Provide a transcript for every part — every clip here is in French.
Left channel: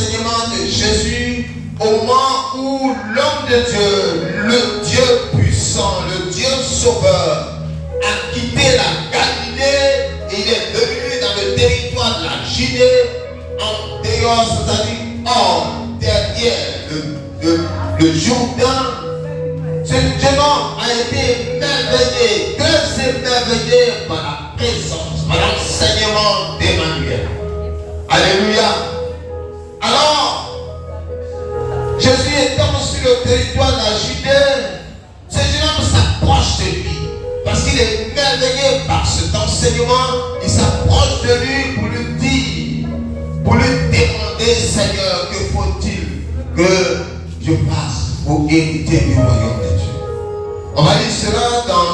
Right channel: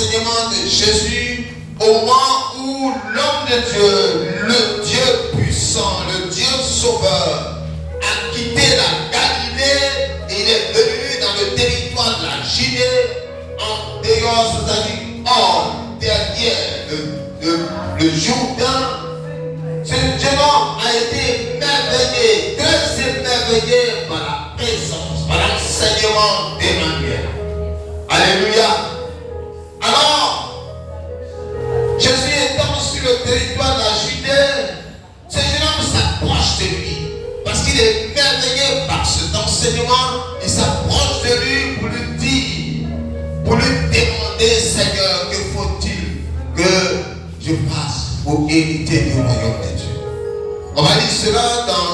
l'enseignement de Jésus au moment où l'homme de Dieu, le Dieu puissant, le Dieu sauveur, a quitté la Galilée et il est venu dans le territoire de la Judée, en dehors, c'est-à-dire hors, derrière le Jourdain. Ce démon a été merveillé, très émerveillé par la présence, par l'enseignement d'Emmanuel. Alléluia. Alors, Jésus étant sur le territoire de la Judée, ce jeune homme s'approche de lui. Parce qu'il est merveillé par cet enseignement, il s'approche de lui pour lui dire, pour lui demander, Seigneur, que faut-il que je fasse pour hériter du royaume de Dieu. On va lire cela dans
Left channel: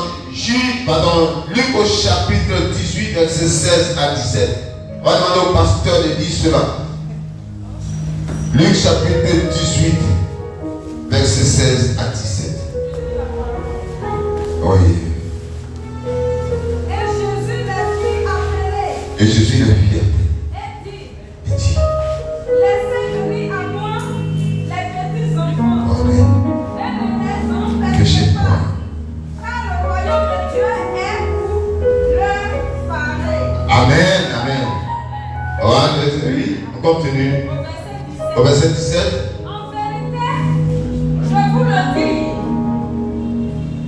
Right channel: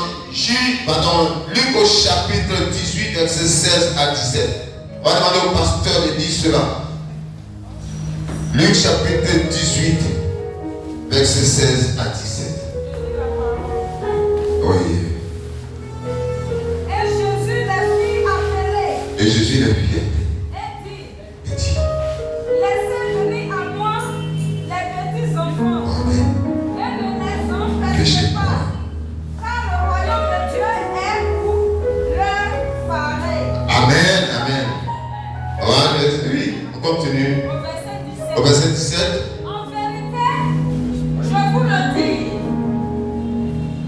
Luc au chapitre 18, verset 16 à 17. On va demander au pasteur de lire cela. Luc chapitre 18, verset 16 à 17. Oui. Et Jésus le fit appeler. Et dit, laissez venir à moi les petits enfants. Amen. Et ne les empêchez Péchez pas. pas. Car le royaume de Dieu est pour leur pareil. Amen, amen. Oui, on continue. Au verset 17. En vérité, je vous le dis,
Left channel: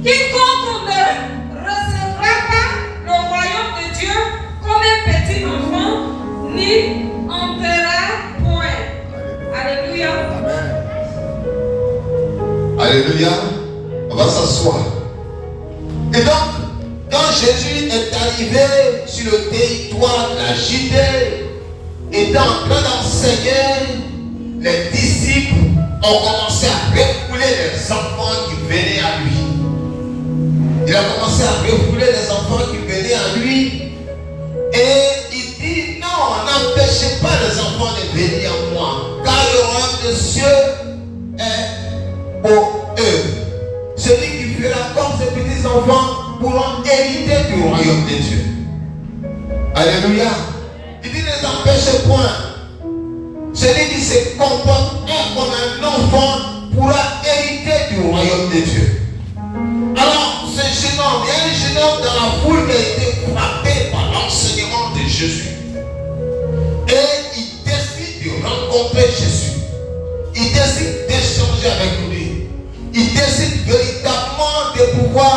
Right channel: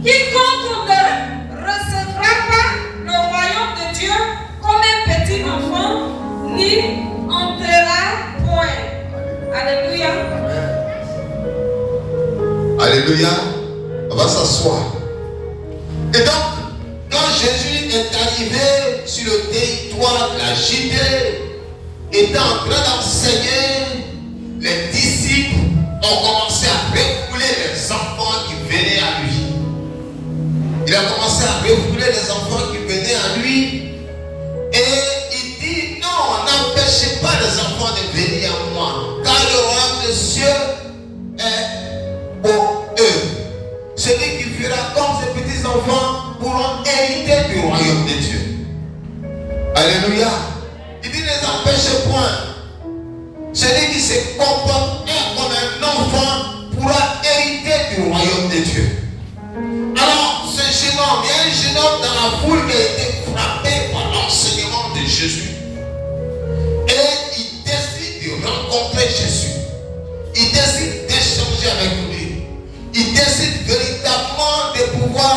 quiconque ne recevra pas le royaume de Dieu comme un petit enfant, n'y entrera point. Alléluia. Alléluia. On va s'asseoir. Et donc, quand Jésus est arrivé sur le territoire de la Judée, étant en train d'enseigner, les disciples ont commencé à refouler les enfants qui venaient à lui. Il a commencé à refouler les enfants qui venaient à lui. Et il dit, non, n'empêchez pas les enfants de venir à moi, car le royaume des cieux est pour eux. Celui qui fera comme ces petits enfants pourront hériter du royaume de Dieu. Alléluia. Il dit, ne les empêchez point. Celui qui se comporte comme un enfant pourra hériter du royaume de Dieu. Alors, ce jeune homme, il y a un jeune homme dans la foule qui a été frappé par l'enseignement de Jésus. Et il décide de rencontrer Jésus. Il décide d'échanger avec lui. Il décide véritablement de pouvoir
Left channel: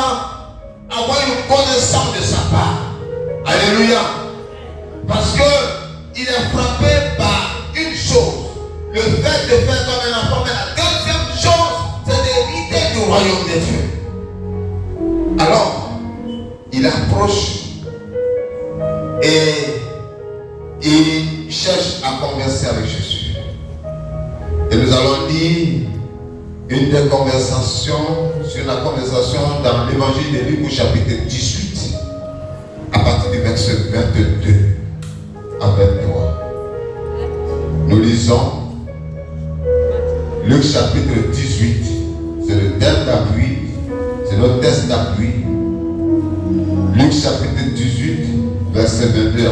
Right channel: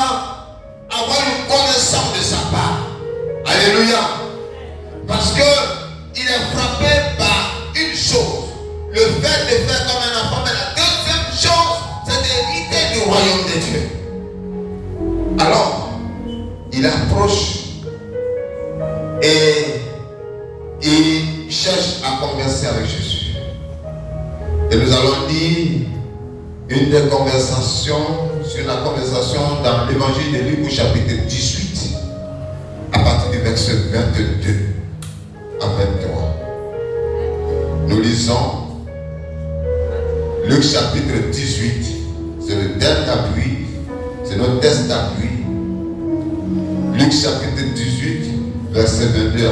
avoir une connaissance de sa part. Alléluia. Parce qu'il est frappé par une chose. Le fait de faire comme un enfant. Mais la deuxième chose, c'est d'hériter du royaume de Dieu. Alors, il approche et il cherche à converser avec Jésus. Et nous allons lire une des conversations sur la conversation dans l'évangile de Luc au chapitre 18, à partir du verset 22 à 23. Nous lisons Luc chapitre 18, c'est le thème d'appui, c'est notre test d'appui. Luc chapitre 18, verset 22 à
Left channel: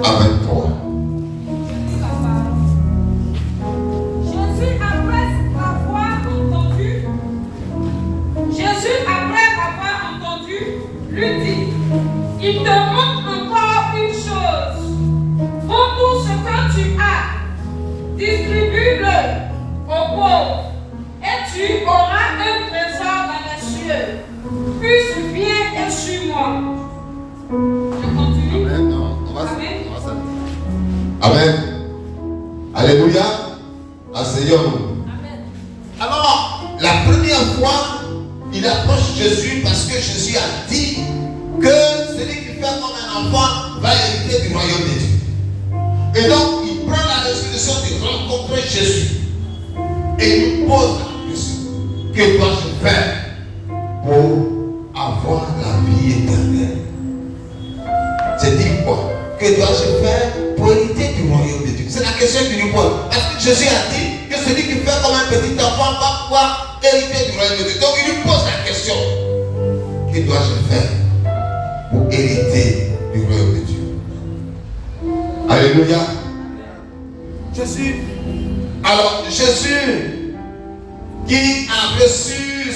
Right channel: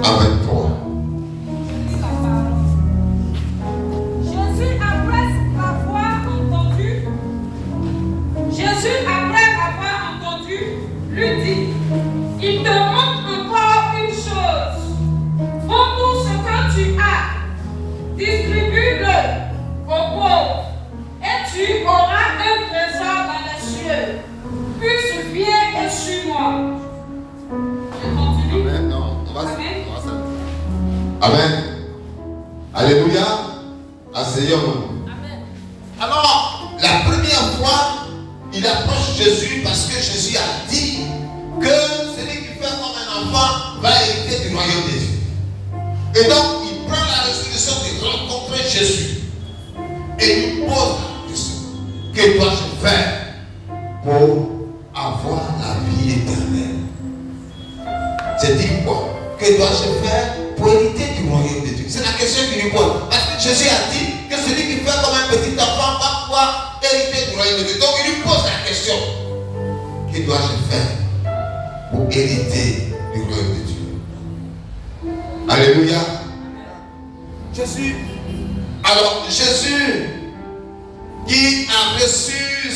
23. À 23. Jésus, après l'avoir entendu, lui dit, il te manque encore une chose. Vends tout ce que tu as, distribue-le aux pauvres, et tu auras un trésor dans les cieux. Puis viens et suis-moi. Amen. Non, on va Amen. Alléluia. Asseyons-nous. Alors, la première fois, il approche Jésus parce que Jésus a dit que celui qui fait comme un enfant va hériter du royaume de Dieu. Et donc, il prend la résolution de rencontrer Jésus. Et il lui pose la question. Que dois-je faire pour avoir la vie éternelle? C'est dit quoi? Que dois-je faire pour hériter du royaume de Dieu? C'est la question qu'il lui pose. Parce que Jésus a dit que celui qui fait comme un petit enfant va pouvoir hériter du royaume de Dieu. Donc il lui pose la question. Que dois-je faire pour hériter du royaume de Dieu? Alléluia. Alors Jésus qui a reçu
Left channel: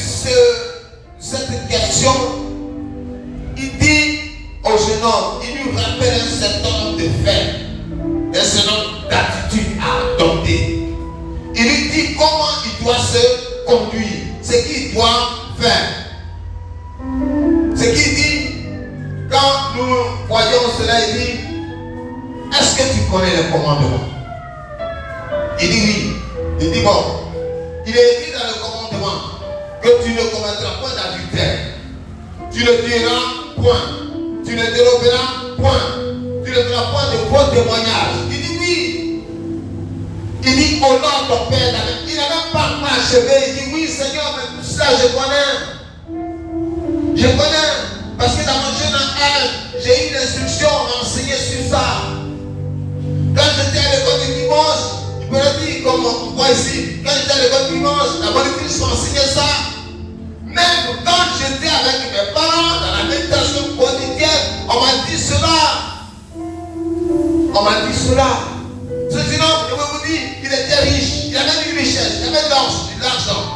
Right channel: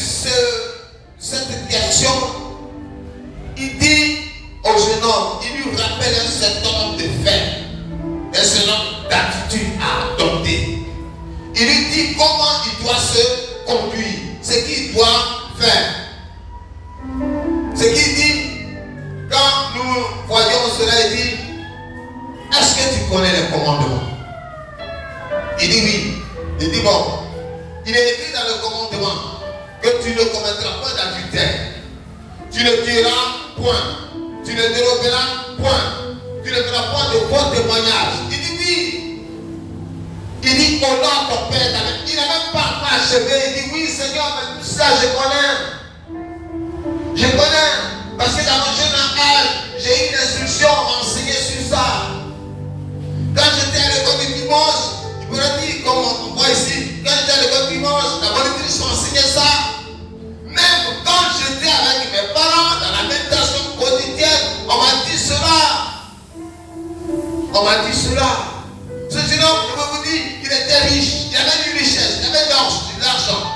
cette question, il dit au jeune homme, il lui rappelle un certain nombre de faits, un certain nombre d'attitudes à adopter. Il lui dit comment il doit se conduire, ce qu'il doit faire. Ce qu'il dit, quand nous voyons cela, il dit, est-ce que tu connais les commandements? Il dit oui. Il dit bon, il est écrit dans le commandement que tu ne commettras pas d'adultère, tu ne tueras point, tu ne déroberas point, tu ne feras pas de faux témoignages. Il dit oui. Il dit honore ton père. Il n'a même pas encore achevé. Il dit oui Seigneur, mais tout ça je connais. Je connais. Parce que dans mon jeune âge, j'ai eu une instruction à enseigner sur ça. Quand j'étais à l'école du dimanche, il me l'a dit, comme on voit ici, quand j'étais à l'école du dimanche, la monitrice m'enseignait ça. Même quand j'étais avec mes parents, dans la méditation quotidienne, on m'a dit cela. On m'a dit cela. Ce jeune homme, je vous dis, il était riche, il avait une richesse, il avait de l'argent.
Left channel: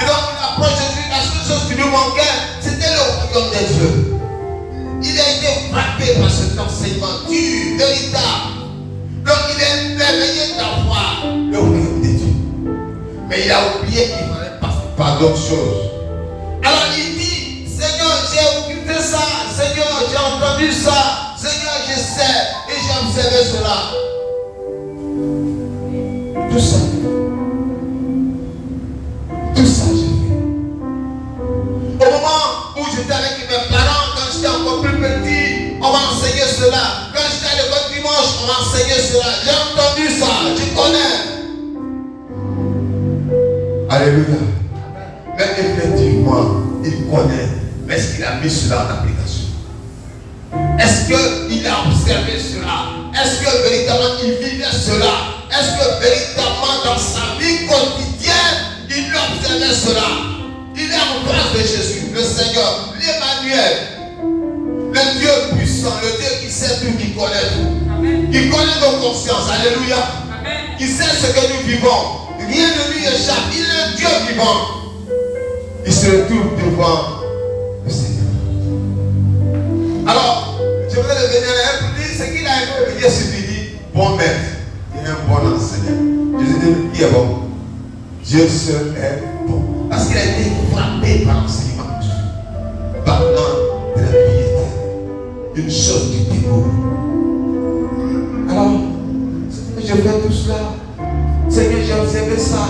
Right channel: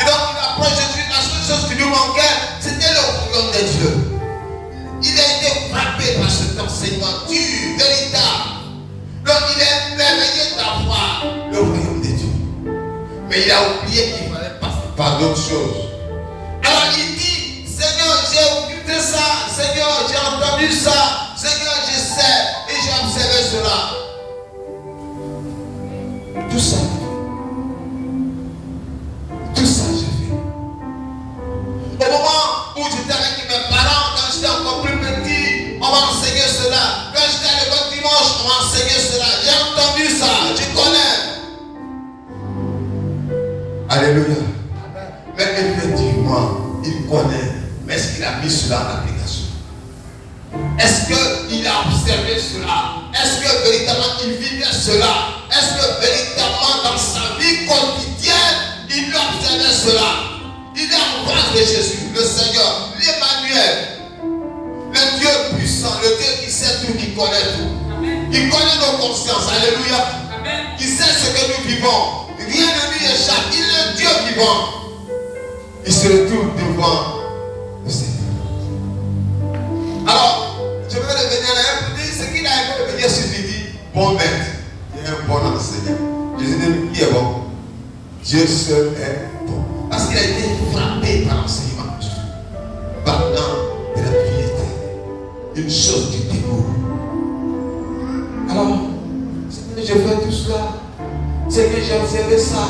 Et donc il approche Jésus, la seule chose qui lui manquait, c'était le royaume des dieux. Il a été frappé par cet enseignement dur, véritable. Donc il est merveilleux d'avoir le royaume des dieux. Mais il a oublié qu'il fallait passer par d'autres choses. Alors il dit, Seigneur, j'ai écouté ça, Seigneur, j'ai entendu ça, Seigneur, je sais, et j'ai observé cela. Tout ça. Tout ça, j'ai fait. Au moment où j'étais avec mes parents, quand j'étais encore plus petit, on m'a enseigné cela. Quand j'étais à l'école dimanche, on m'a enseigné cela. J'ai entendu ça, je connais. Alléluia. Mais effectivement, il connaît. Mais est-ce qu'il a mis cela en application? Est-ce qu'il a observé cela? Est-ce que véritablement il vivait cela? Est-ce que véritablement dans sa vie quotidienne, il observait cela? Il est en face de Jésus, le Seigneur, l'Emmanuel, le Dieu puissant, le Dieu qui sait tout, qui connaît tout. Il connaît nos consciences, alléluia. Il sait ce que nous vivons. Rien ne lui échappe, il est le Dieu vivant. Il se retrouve devant le Seigneur. Alors, je vais revenir à un peu, ce qu'il a aimé venir sur lui, dit, bon maître. Il est un bon enseignant. Jésus dit, qui est bon? Dieu seul est bon. Parce qu'il a été frappé par l'enseignement de Jésus. Parlant de la vie éternelle. Une chose du dégoût. Alors, c'est que je fais tout cela. C'est que j'ai observé ça.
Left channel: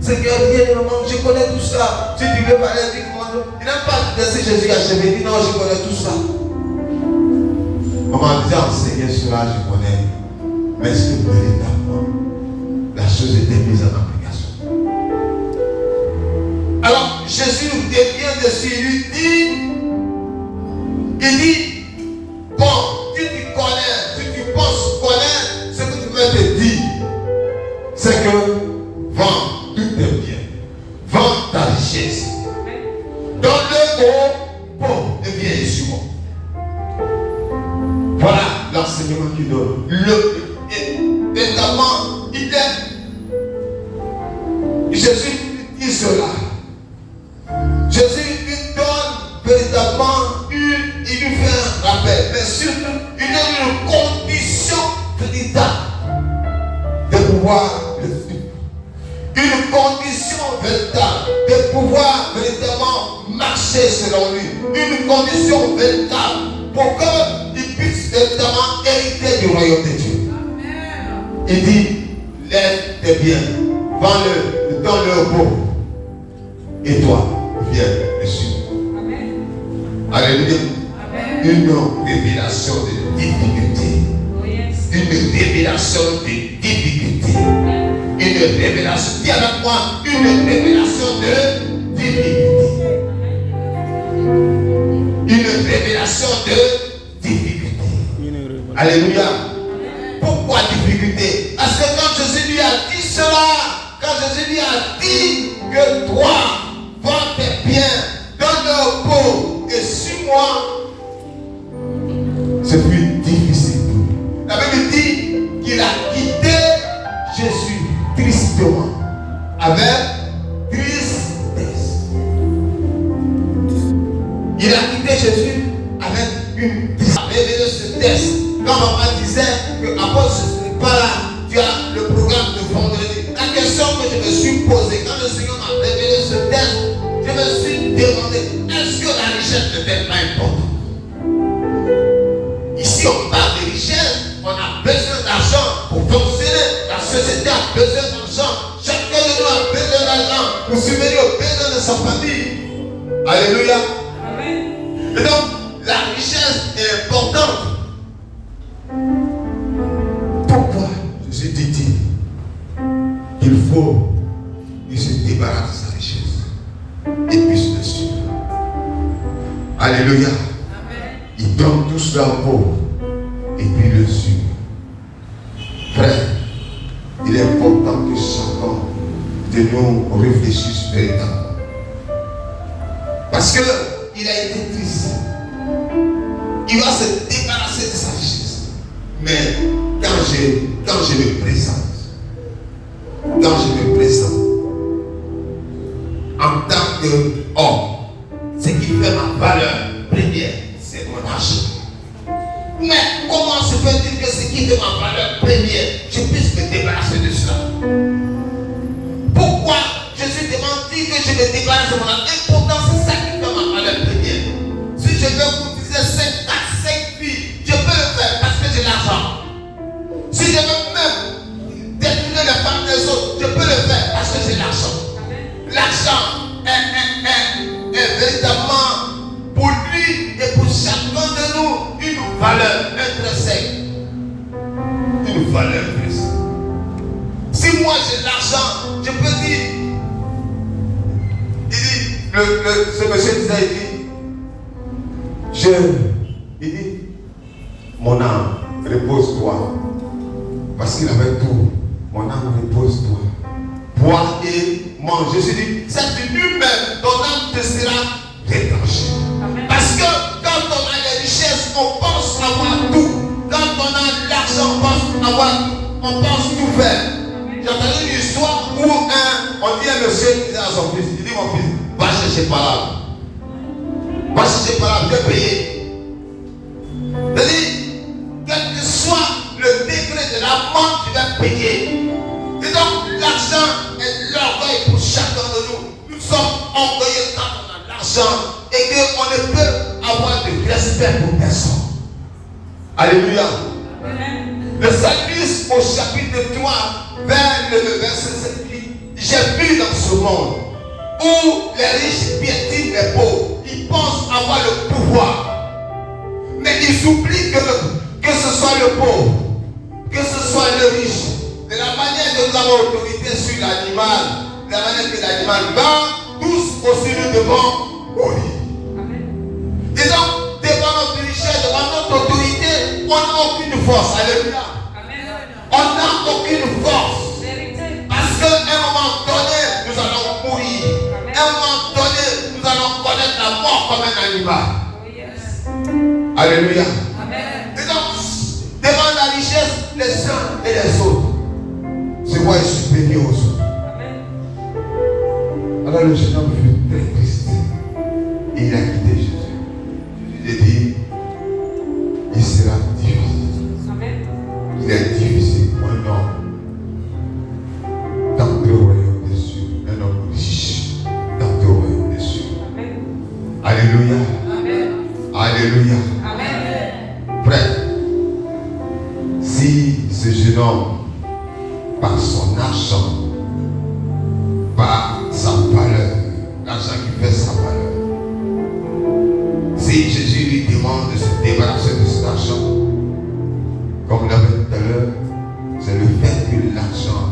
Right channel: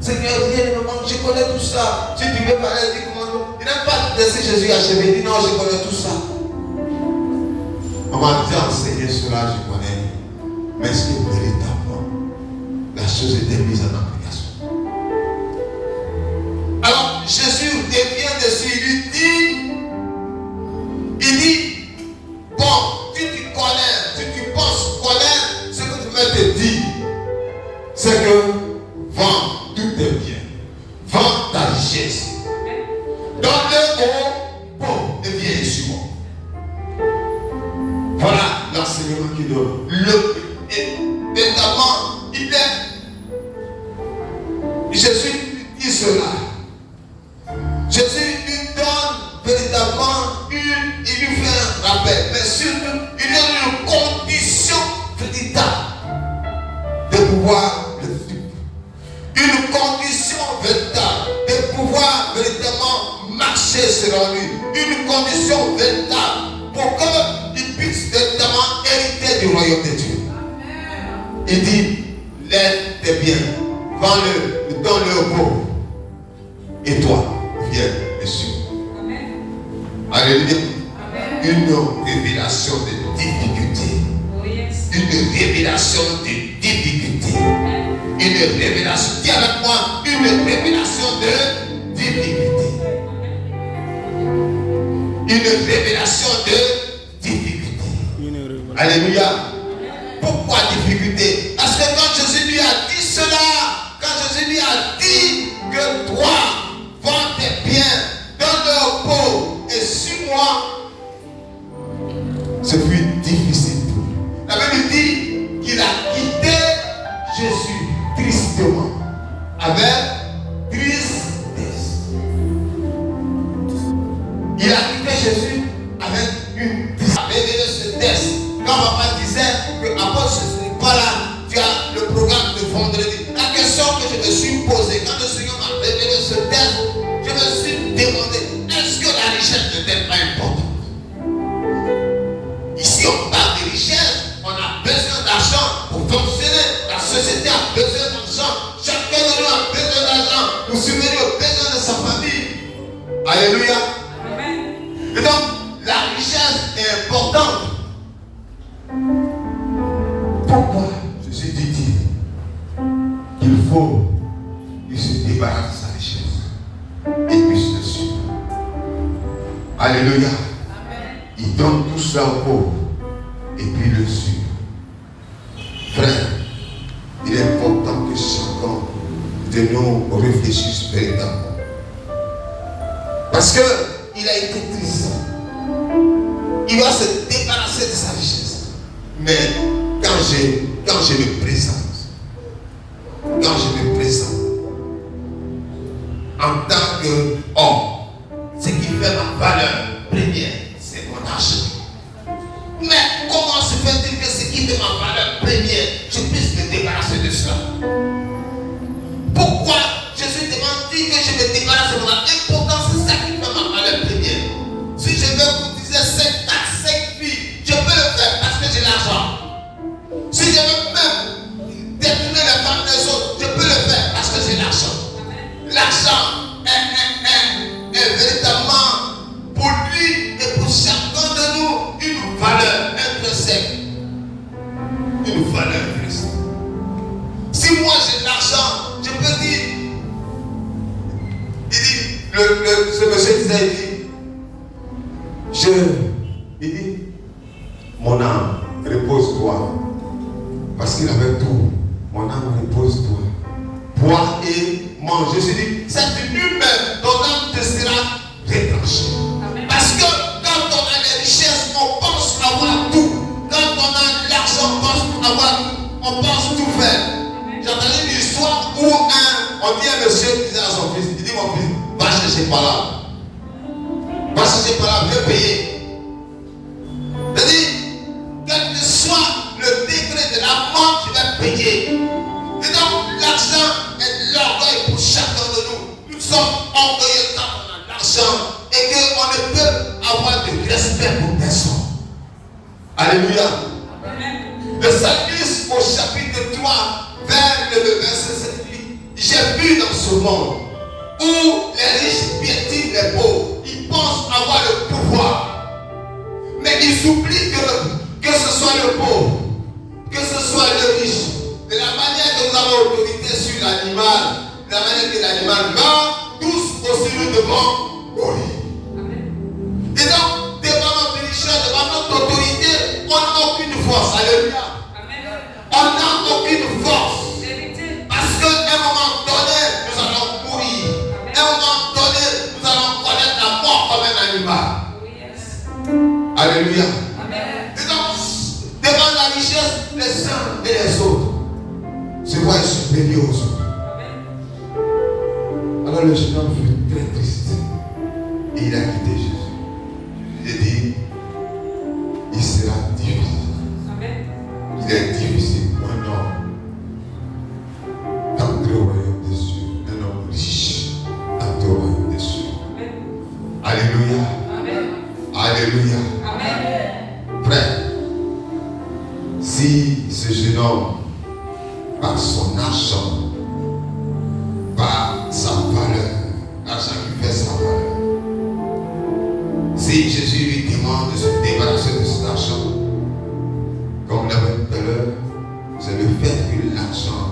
C'est que rien ne manque. Je connais tout ça. Si tu veux parler, dis comment. Il n'a pas laissé Jésus achever. Il dit non, je connais tout ça. On m'a dit enseigner cela, je connais. Mais est-ce que véritablement la chose était mise en application? Alors Jésus revient dessus, il dit, bon, tu penses connaître ce que je vais te dire, c'est que vends tous tes biens, vends ta richesse, donne-le aux pauvres et viens sur moi. Voilà l'enseignement qu'il donne. Évidemment, Jésus lui dit cela. Jésus lui donne véritablement il lui fait un rappel, mais surtout, il donne une condition véritable de pouvoir le suivre. Une condition véritable de pouvoir véritablement marcher selon lui. Une condition véritable pour qu'il puisse véritablement hériter du royaume de Dieu. Il dit, lève tes biens, vends-le, donne-le aux pauvres. Et toi, viens et suis-moi. Alléluia. Une révélation de difficulté. Une révélation de difficulté. Une révélation, dis avec moi, une révélation de difficulté. Une révélation de difficulté. Alléluia. Pourquoi difficulté? Parce que quand Jésus lui a dit cela, quand Jésus lui a dit que toi, vends tes biens, donne-le aux pauvres et suis-moi, c'est plus difficile. La Bible dit qu'il a quitté que apôtre, je ne suis pas là. Tu as le programme de vendredi. La question que je me suis posée, quand le Seigneur m'a révélé ce texte, je me suis demandé, est-ce que la richesse n'était pas importante? Ici, on parle de richesse. On a besoin d'argent pour fonctionner. La société a besoin d'argent. Chacun de nous a besoin d'argent pour subvenir aux besoins de sa famille. Alléluia. Amen. Et donc, la richesse est importante. Pourquoi Jésus dit qu'il faut qu'il se débarrasse de sa richesse et puisse le suivre. Alléluia. Amen. Il donne tout cela aux pauvres et puis le suit. Frère, il est important que chacun de nous réfléchisse véritablement. Parce qu'il a été triste. Il va se débarrasser de sa richesse. Mais quand je me présente, en tant qu'homme, ce qui fait ma valeur première, c'est mon argent. Mais comment se fait-il que ce qui fait ma valeur première, je puisse me débarrasser de cela? Pourquoi Jésus demande-t-il que je me débarrasse de mon argent? Pourtant, c'est ça qui fait ma valeur première. Si je veux cotiser 5 filles, je peux le faire parce que j'ai l'argent. Si je veux même détourner les femmes des autres, je peux le faire parce que j'ai l'argent. L'argent est véritablement pour lui et pour chacun de nous une valeur intrinsèque. Une valeur intrinsèque. Si moi j'ai l'argent, je peux dire, ce monsieur disait, il dit, mon âme, repose-toi. Parce qu'il avait tout. Mon âme, repose-toi. Bois et mange. Je dit, c'est une humaine, ton âme te sera retranchée. Parce que quand on a des richesses, on pense avoir tout. Quand on a l'argent, on pense avoir tout. On pense tout faire. J'entendais une histoire où on dit à un monsieur qui disait à son fils, il dit, mon fils, va chercher par là. Va chercher par là, je vais payer. C'est-à-dire, quel que soit le degré de la mort, tu vas payer. Et donc, l'argent est l'orgueil pour chacun de nous. Nous sommes orgueilleux quand on a l'argent et qu'on ne peut avoir de respect pour personne. Alléluia. Le psalmiste au chapitre 3, vers le verset 7, j'ai vu dans ce monde où les riches piétinent les pauvres. Ils pensent avoir le pouvoir. Mais ils oublient que ce soit le pauvre, que ce soit le riche. De la manière que nous avons autorité sur l'animal, de la manière que l'animal meurt, tous aussi nous devons mourir. Et donc, devant notre richesse, devant notre autorité, on n'a aucune force. Alléluia. On n'a aucune force. Parce qu'à un moment donné, nous allons mourir. À un moment donné, nous allons connaître la mort comme un animal. Alléluia. Et donc, devant la richesse, les uns et les autres se voient supérieurs aux autres. Alors le jeune homme fut très triste. Et il a quitté Jésus. Jésus dit, il sera difficile. Il est difficile pour un homme d'entrer au royaume des cieux. Un homme riche d'entrer au royaume des cieux. Alléluia. Alléluia. Frère, si ce jeune homme, par son argent, par sa valeur, l'argent qui fait sa valeur, si Jésus lui demande de se débarrasser de cet argent, comme l'avait dit tout à l'heure, c'est le fait que l'argent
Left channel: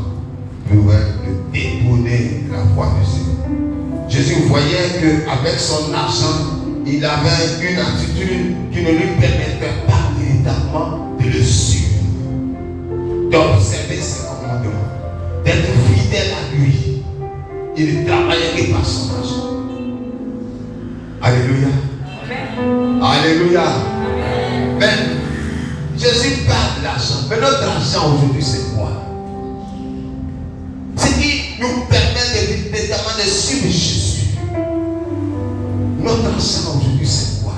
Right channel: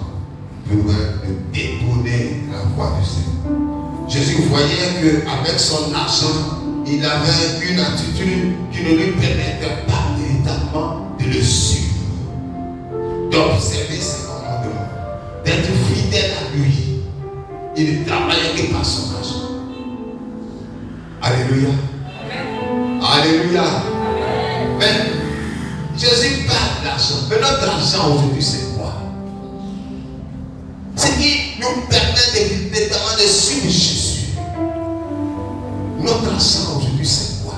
pouvait le détourner de la voie du Seigneur. Jésus voyait qu'avec son argent, il avait une attitude qui ne lui permettait pas véritablement de le suivre, d'observer ses commandements, d'être fidèle à lui. Il ne travaillait que par son argent. Alléluia. Alléluia. Mais Jésus parle de l'argent. Mais notre argent aujourd'hui, c'est quoi? Ce qui nous permet véritablement de suivre Jésus. Notre argent aujourd'hui, c'est quoi?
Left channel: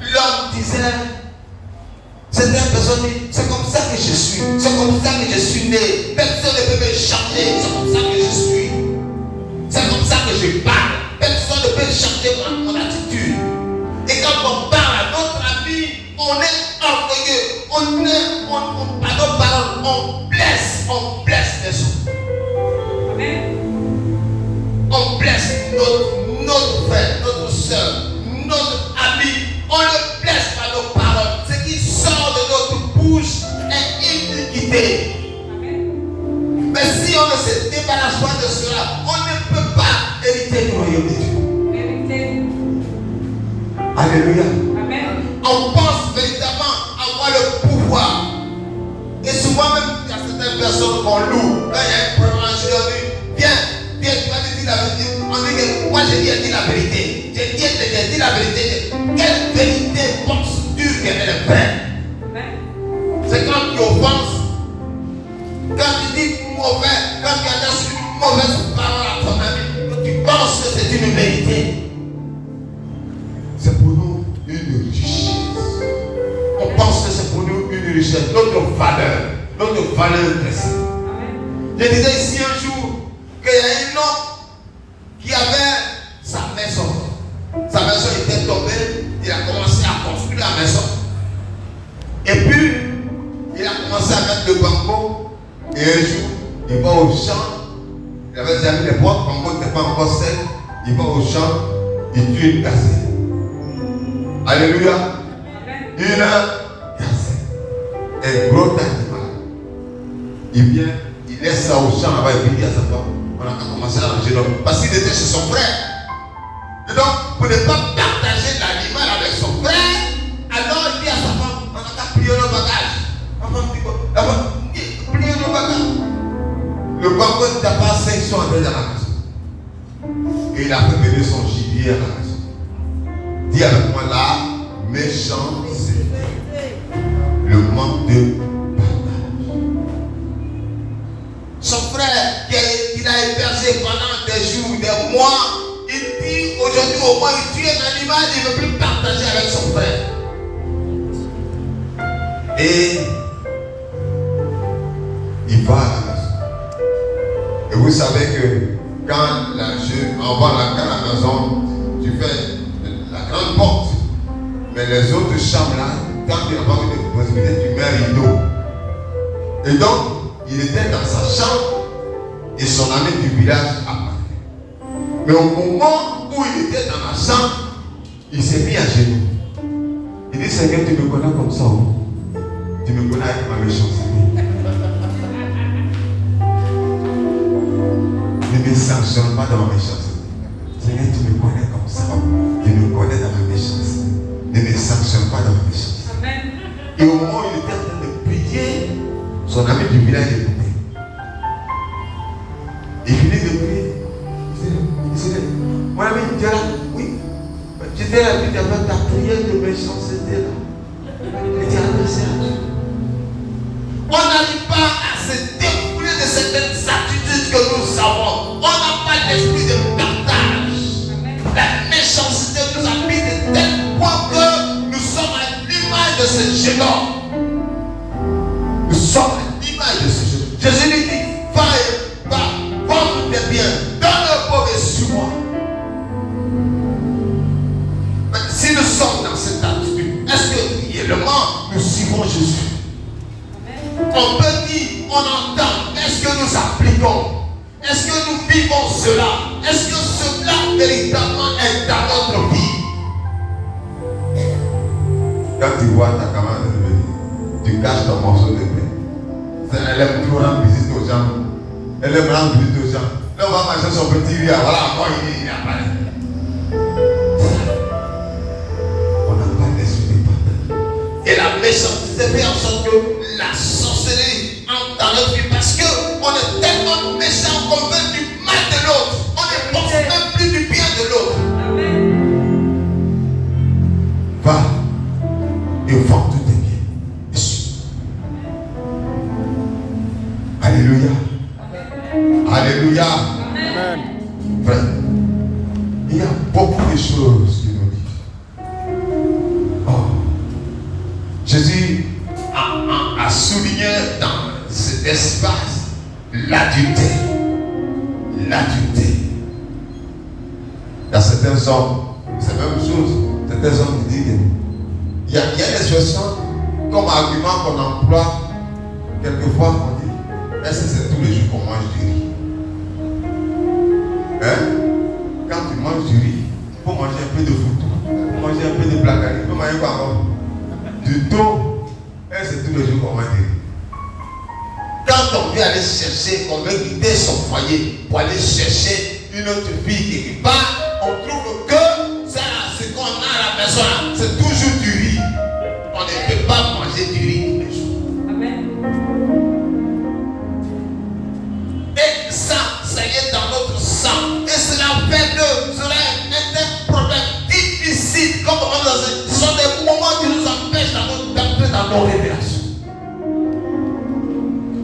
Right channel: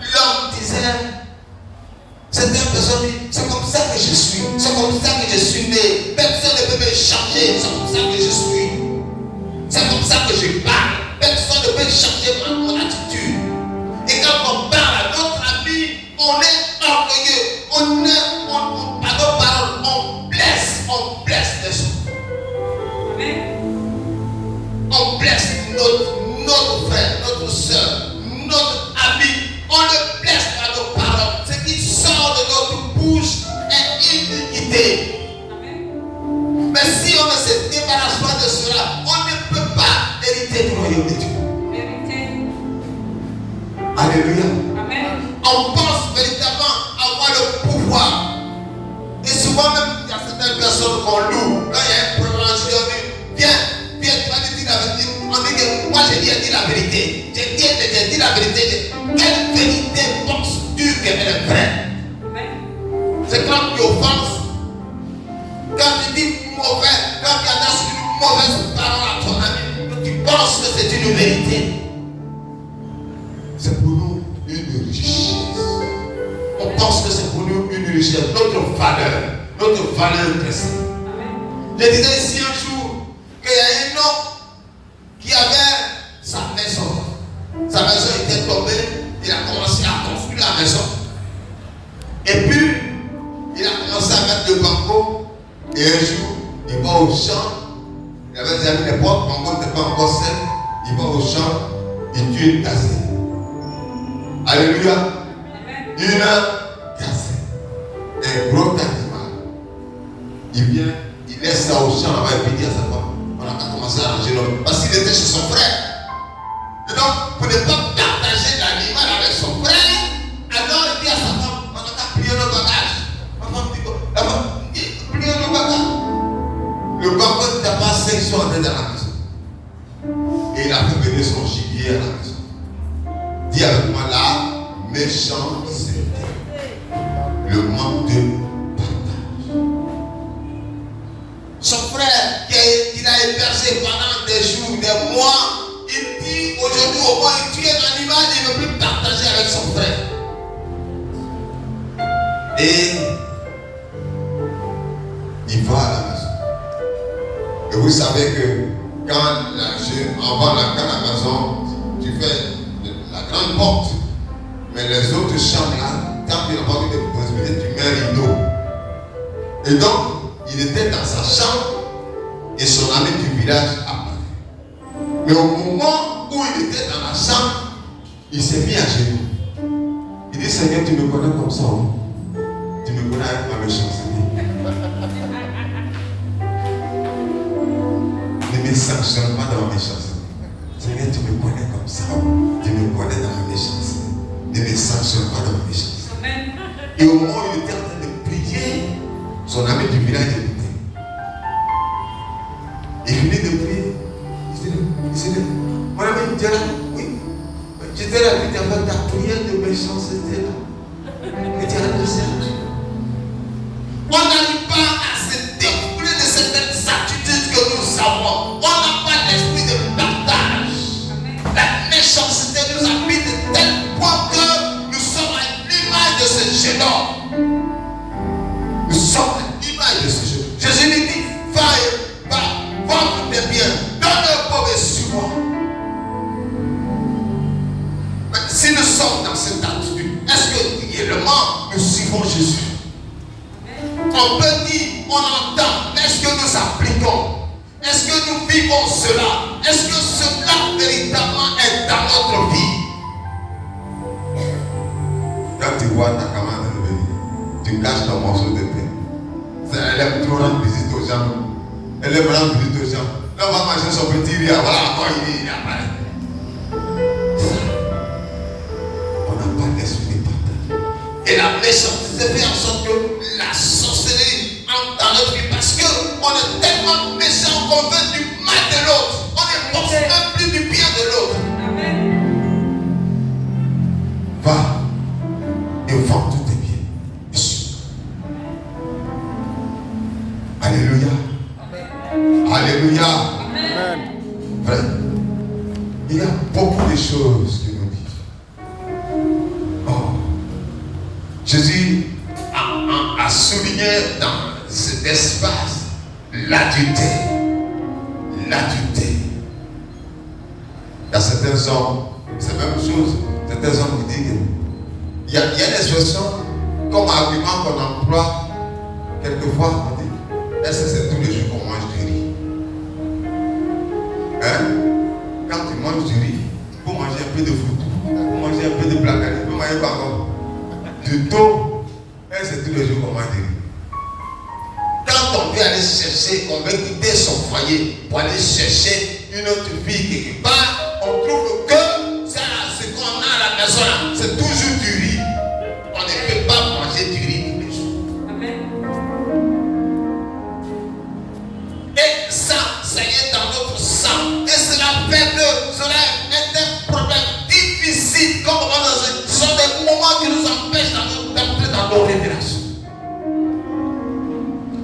L'homme disait, Certaines personnes disent, c'est comme ça que je suis. C'est comme ça que je suis né. Personne ne peut me changer. C'est comme ça que je suis. C'est comme ça que je parle. Personne ne peut changer mon attitude. Et quand on parle à notre ami, on est orgueilleux. Par nos paroles, on blesse les autres. Amen. On blesse notre frère, notre soeur, notre ami. On le blesse par nos paroles. Ce qui sort de notre bouche est iniquité. Amen. Mais si on ne se débarrasse pas de cela, on ne peut pas hériter du royaume de Dieu. Vérité. Alléluia. Amen. On pense véritablement avoir le pouvoir. Et souvent même, il y a certaines personnes qu'on loue. Quand il y a un problème, je leur dis, viens, tu vas dire la vérité. On dit que moi j'ai dit la vérité. J'ai dit la vérité. Quelle vérité penses-tu qu'elle est vraie? C'est quand tu offenses, quand tu dis mauvais, quand tu adresses une mauvaise parole à ton ami, que tu penses que c'est une vérité. C'est pour nous une richesse. On pense que c'est pour nous une richesse, notre valeur chrétienne. Je disais ici un jour qu'il y a un homme qui avait sa maison. Sa maison était tombée, il a commencé à construire la maison. Et puis, il a commencé à mettre le banco. Et un jour, il va au champ. Il avait déjà mis les portes, le banco n'était pas encore sec. Il va au champ, il tue une gazelle. Alléluia. Une gazelle. Un gros animal. Il vient, il laisse ça au champ, là-bas, il dit à sa femme, on a commencé à arranger l'homme. Parce qu'il était chez son frère. Et donc, pour ne pas partager l'animal avec son frère, alors il dit à sa femme, on a qu'à plier nos bagages. La femme dit quoi? La femme dit, plier nos bagages. Le banco n'était pas sec, ils sont entrés dans la maison. Et il a fait venir son gibier à la maison. Dis avec moi là, méchanceté. Le manque de partage. Son frère qui a hébergé pendant des jours, des mois, il dit aujourd'hui au moins il tue un animal, il ne veut plus partager avec son frère. Et il va à la maison. Et vous savez que quand la maison, tu fais la grande porte, mais les autres chambres là, tant qu'il n'y a pas de possibilité, tu mets un rideau. Et donc, il était dans sa chambre et son ami du village apparaît. Mais au moment où il était dans la chambre, il s'est mis à genoux. Il dit, Seigneur, tu me connais comme ça, hein? Tu me connais avec ma méchanceté. Ne me sanctionne pas dans ma méchanceté. Seigneur, tu me connais comme ça. Tu me connais dans ma méchanceté. Ne me sanctionne pas dans ma méchanceté. Et au moment où il était en train de prier, son ami du village écoutait. Il finit de prier. Il disait, mon ami, tu es là? Oui. J'étais là, tu avais ta prière de méchanceté là. Et tu as adressé à Dieu. On n'arrive pas à se découvrir de certaines attitudes que nous avons. On n'a pas l'esprit de partage. La méchanceté nous habite de tel point que nous sommes à l'image de ce jeune homme. Nous sommes à l'image de ce jeune homme. Jésus lui dit, va, vendre tes biens, donne un pauvre et suis-moi. Mais si nous sommes dans cette attitude, est-ce que réellement nous suivons Jésus? On peut dire, on entend, est-ce que nous appliquons? Est-ce que nous vivons cela? Est-ce que cela véritablement est dans notre vie? Quand tu vois ta camarade venir, tu caches ton morceau de pain. Elle aime trop rendre visite aux gens. Elle aime rendre visite aux gens. Là, on va manger son petit riz. Voilà, encore il apparaît. On n'a pas d'esprit de partage. Et la méchanceté fait en sorte que la sorcellerie entre dans notre vie parce qu'on est tellement méchant qu'on veut du mal de l'autre. On ne pense même plus du bien de l'autre. Va et vends tous tes biens. Alléluia. Alléluia. Amen. Frère, il y a beaucoup de choses que nous vivons. Oh. Jésus a souligné dans cet espace l'adultère. L'adultère. Il y a certains hommes, c'est la même chose. Certains hommes qui disent, il y a des expressions comme argument qu'on emploie quelquefois. On dit, est-ce que c'est tous les jours qu'on mange du riz? Hein? Quand tu manges du riz, il faut manger un peu de foot, il faut manger un peu de blagari, il faut manger quoi encore? Du thon. Est-ce que c'est tous les jours qu'on mange du riz? Quand on veut aller chercher, on veut quitter son foyer pour aller chercher une autre fille quelque part, on trouve que ça, ce qu'on a à la maison, c'est toujours du riz. On ne peut pas manger du riz tous les jours. Amen. Et ça est dans notre sang. Et cela fait que cela est un problème difficile. Comme on dit, ce sont des moments qui nous empêchent d'entrer dans nos révélations.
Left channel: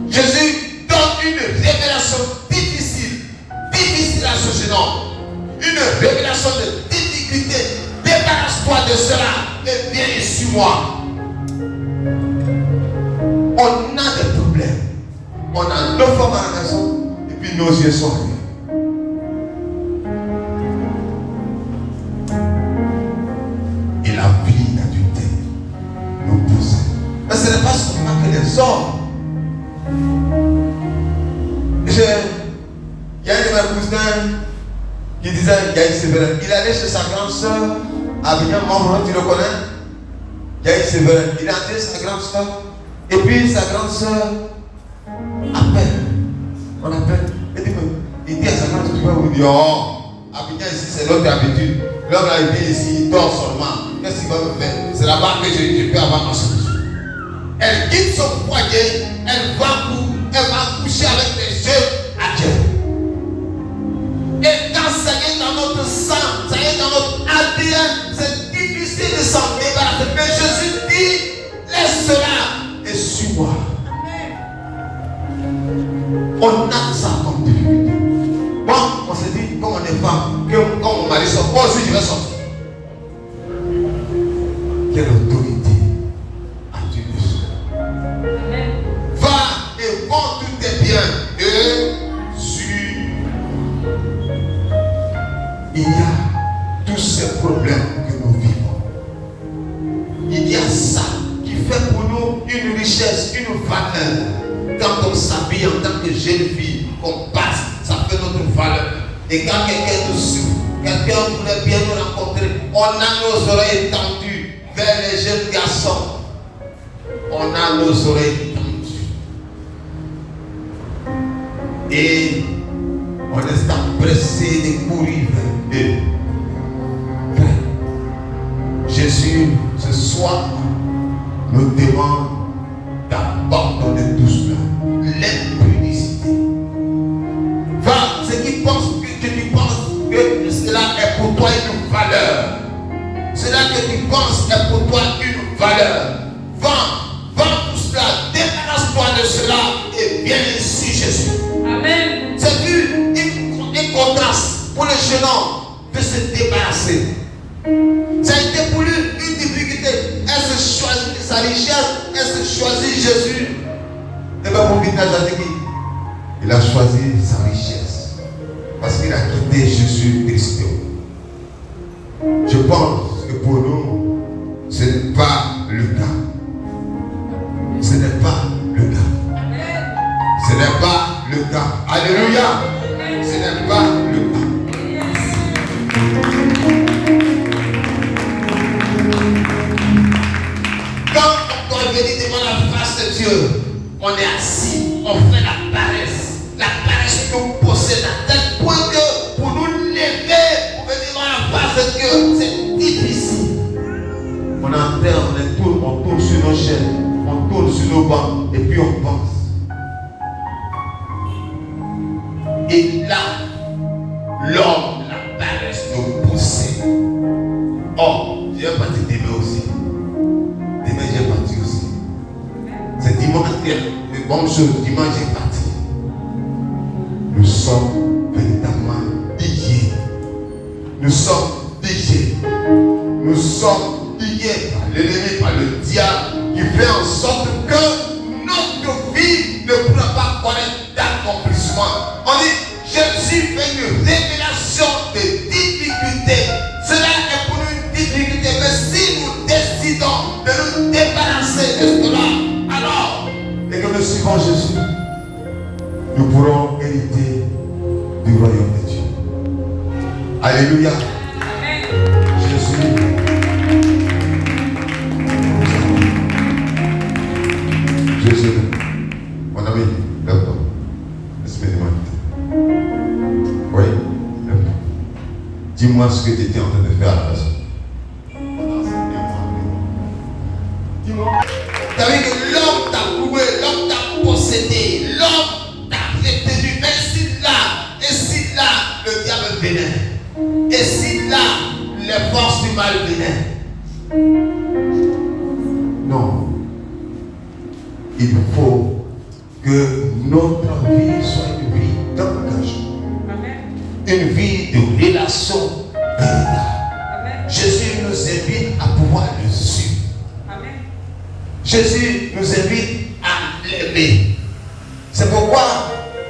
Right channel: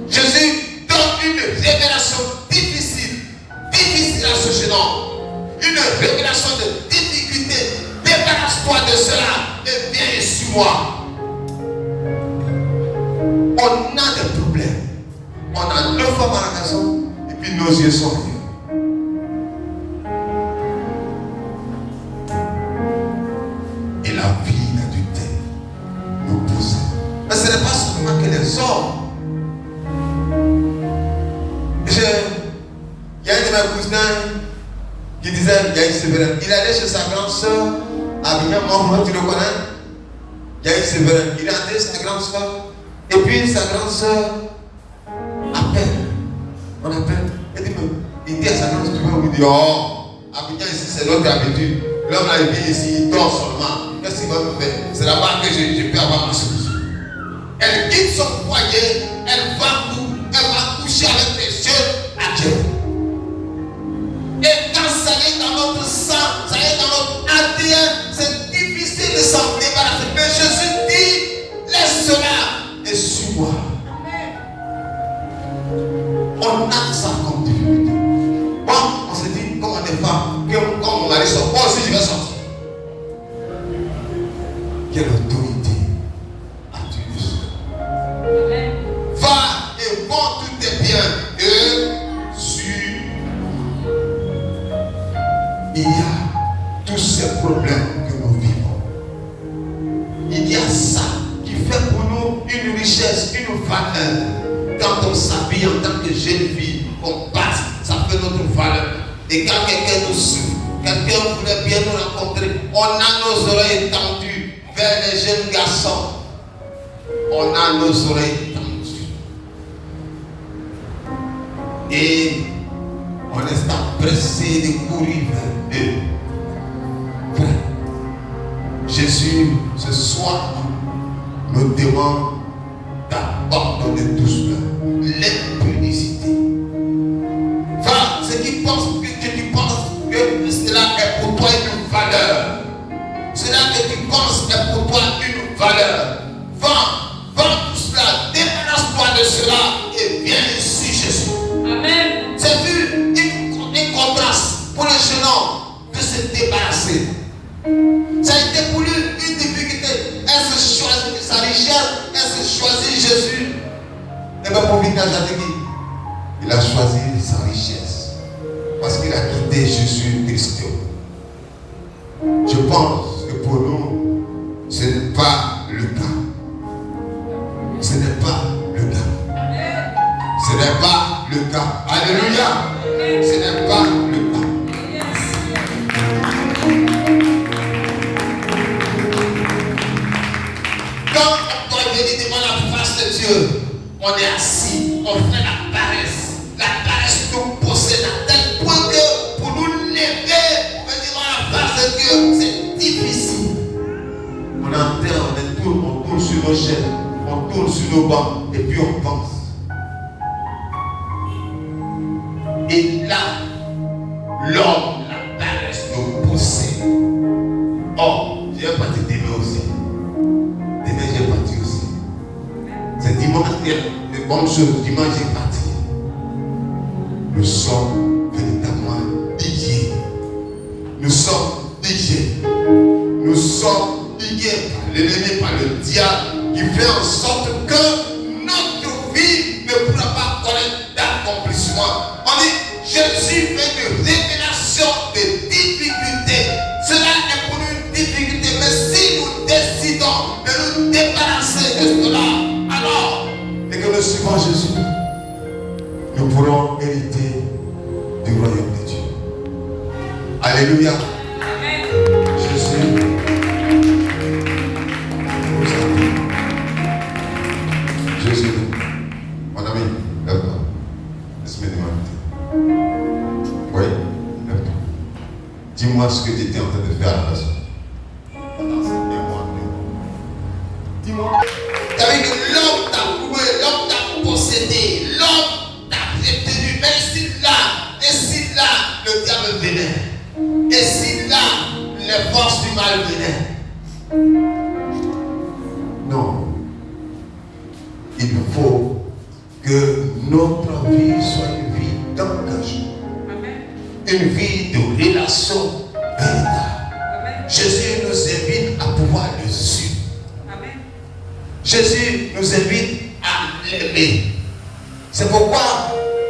Jésus donne une révélation difficile à ce jeune homme. Une révélation de difficulté. Débarrasse-toi de cela et viens sur moi. On a des problèmes. On a nos femmes à la maison et puis nos yeux sont fermés. Et la vie d'adultère nous pousse. Mais ce n'est pas seulement que les hommes. Il y a un de mes cousins qui disait, il allait chez sa grande soeur, Avignon, tu le connais? Yaï Séverin, il a dit sa grande soeur, et puis sa grande soeur appelle, on appelle, il dit à sa grande soeur, tu peux vous dire, oh, Avignon ici c'est l'autre habitude, l'homme là il vient ici, il dort seulement, qu'est-ce qu'il va me faire? C'est là-bas que je peux avoir ma solution. Elle quitte son foyer, elle va coucher avec les yeux à Dieu. Et quand ça y est dans notre sang, ça y est dans notre ADN, c'est difficile de s'en débarrasser. Mais Jésus dit, laisse cela et suis-moi. On a ça comme difficulté. Bon, on se dit, comme on est femme, que quand mon mari sort, moi aussi je vais sortir. Quelle autorité as-tu dessus? Va et vends tous tes biens et suis. Il y a tous ces problèmes que nous vivons. Il y a ça qui fait pour nous une richesse, une valeur. Quand on s'habille en tant que jeune fille, qu'on passe, ça fait notre valeur. Et quand quelqu'un nous souffre, quelqu'un voulait bien nous rencontrer, on a nos oreilles tendues vers les jeunes garçons. On a nos oreilles tendues. Et on est empressé de courir vers eux. Jésus, ce soir, nous demande d'abandonner tout cela. L'impudicité. Va, ceux qui pensent que tu penses que cela est pour toi une valeur. Cela que tu penses est pour toi une valeur. Va tout cela, débarrasse-toi de cela et viens ici, Jésus. Amen. C'est vu un contraste pour le jeune homme de se débarrasser. Ça a été pour lui une difficulté. Est-ce choisir sa richesse? Est-ce choisir Jésus? Et bien pour finir, il a choisi sa richesse parce qu'il a quitté Jésus Christ. Je pense que pour nous, ce n'est pas le cas. Ce n'est pas le cas. Ce n'est pas le cas. Alléluia. Ce n'est pas le cas. Quand on doit venir devant la face de Dieu, on est assis, on fait la paresse. La paresse nous possède à tel point que pour nous lever, pour venir devant la face de Dieu, c'est difficile. On enterre, on tourne sur nos chaînes, on tourne sur nos bancs, et puis on pense. Et là, l'homme, la paresse nous possède. Oh, je vais partir demain aussi. Demain, j'ai parti aussi. C'est dimanche, les bonnes choses, dimanche, j'ai parti. Nous sommes véritablement liés. Nous sommes liés. Nous sommes liés par l'ennemi, par le diable, qui fait en sorte que que notre vie ne pourra pas connaître d'accomplissement. On dit, Jésus fait une révélation de difficultés. Cela est pour nous une difficulté, mais si nous décidons de nous débarrasser de cela, alors, et que nous suivons Jésus, nous pourrons hériter du royaume de Dieu. Alléluia. Jésus. Jésus, mon ami, lève-toi. Laisse-moi demander. Oui, lève-toi. Dis-moi ce que tu étais en train de faire à la maison. Dis-moi. Tu as vu que l'homme t'a loué, l'homme t'a possédé, l'homme t'a retenu. Mais si là, le diable venait. Et si là, les forces du mal venaient. Non. Il faut que notre vie soit une vie d'engagement. Une vie de relation véritable. Jésus nous invite à pouvoir le suivre. Jésus nous invite à l'aimer. C'est pourquoi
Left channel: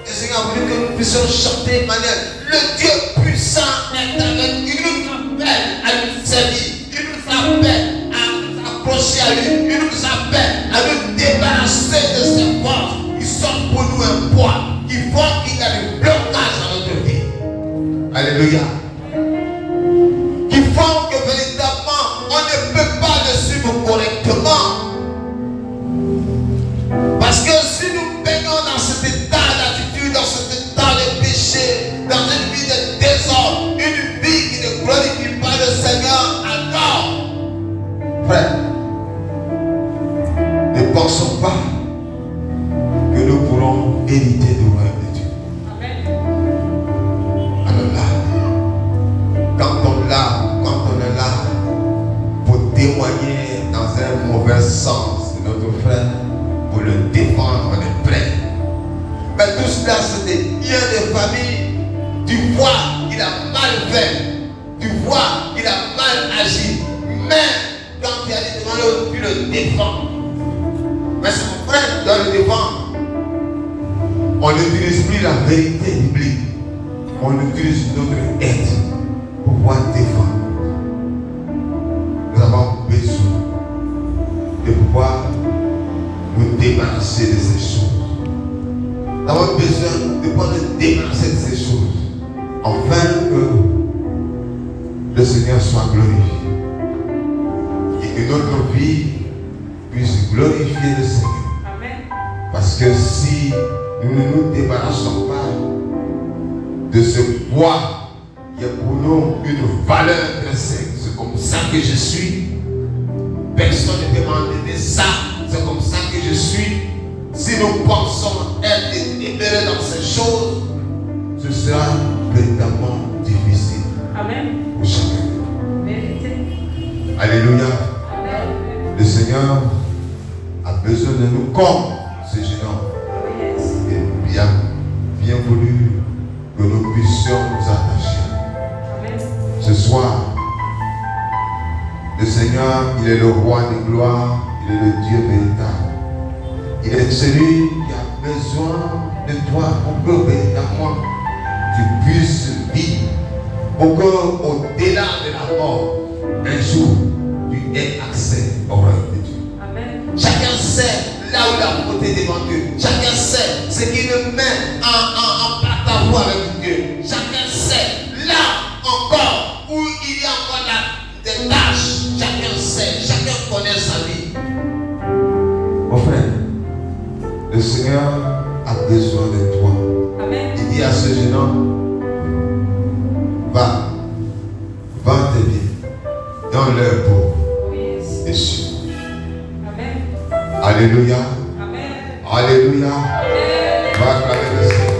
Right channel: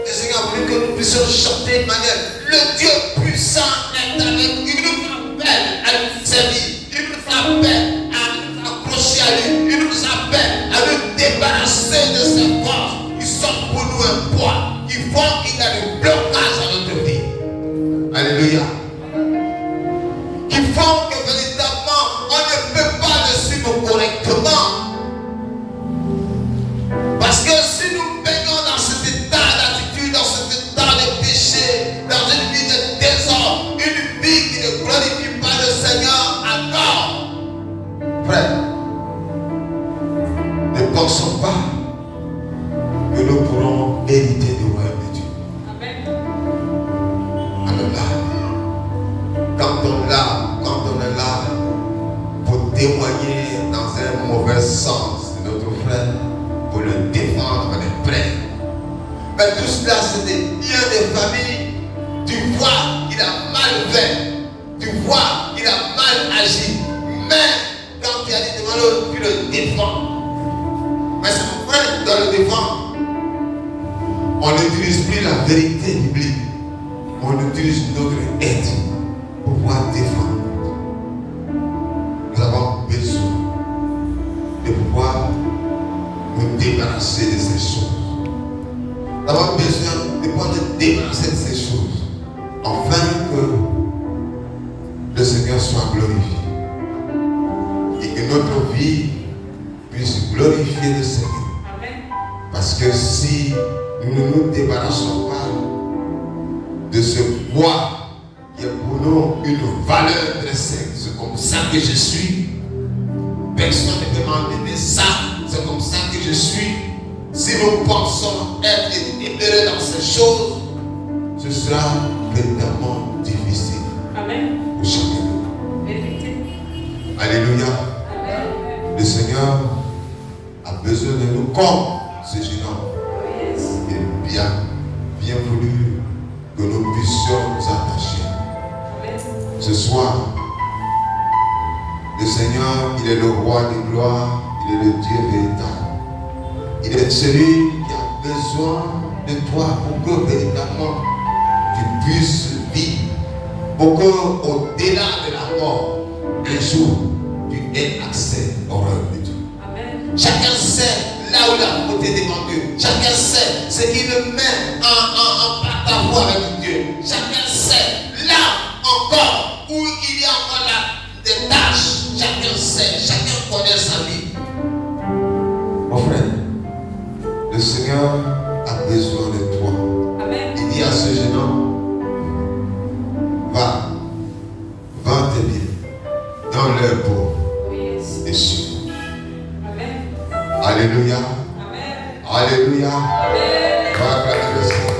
le Seigneur a voulu que nous puissions chanter de manière. Le Dieu puissant est avec nous. Il nous appelle à nous servir. Il nous appelle à nous accrocher à lui. Il nous appelle à nous débarrasser de ces forces qui sont pour nous un poids, qui font qu'il y a des blocages dans notre vie. Alléluia. Qui font que véritablement on ne peut pas le suivre correctement. Parce que si nous baignons dans cet état d'attitude, dans cet état de péché, dans une vie de désordre, une vie qui ne glorifie pas le Seigneur, alors, frère, ne pensons pas que nous pourrons hériter du royaume de Dieu. Alors là, quand on est là pour témoigner dans un mauvais sens de notre frère, pour le défendre, on est prêt. Mais tout cela, c'est des liens de famille. Tu vois qu'il a mal fait. Tu vois qu'il a mal agi. Mais quand tu as dit devant l'autre, tu le défends. Mais c'est mon frère qui doit le défendre. On n'utilise plus la vérité biblique. On utilise notre aide pour pouvoir défendre. Nous avons besoin de pouvoir nous débarrasser de ces choses. Nous avons besoin de pouvoir nous débarrasser de ces choses afin que le Seigneur soit glorifié et que notre vie puisse glorifier le Seigneur. Amen. Parce que si nous ne nous débarrassons pas de ce poids qui est pour nous une valeur intrinsèque, c'est comme ça que je suis, personne ne peut m'enlever ça. C'est comme ça que je suis. Si nous pensons être libérés dans ces choses, ce sera véritablement difficile. Amen. Pour chacun. Alléluia. Amen. Le Seigneur a besoin de nous comme ce jeune homme. Et bien voulu que nous puissions nous attacher. Amen. Ce soir, le Seigneur, il est le roi de gloire. Il est le Dieu véritable. Il est celui qui a besoin de toi pour que véritablement tu puisses vivre. Pour qu'au-delà de la mort, un jour, tu aies accès au royaume de Dieu. Amen. Chacun sait là où la faute est devant Dieu. Chacun sait ce qui le met en porte-à-faux avec Dieu. Chacun sait là encore où il y a encore des tâches. Chacun sait, chacun connaît sa vie. Mon frère, le Seigneur a besoin de toi. Amen. Il dit à ce jeune homme, va, vends tes biens, dans leur peau, et suis. Amen. Alléluia. Amen. Alléluia. Amen. Va acclamer le Seigneur.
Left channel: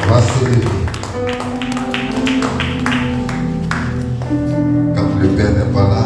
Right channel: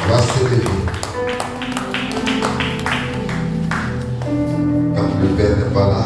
On va se lever. Quand le Père n'est pas là,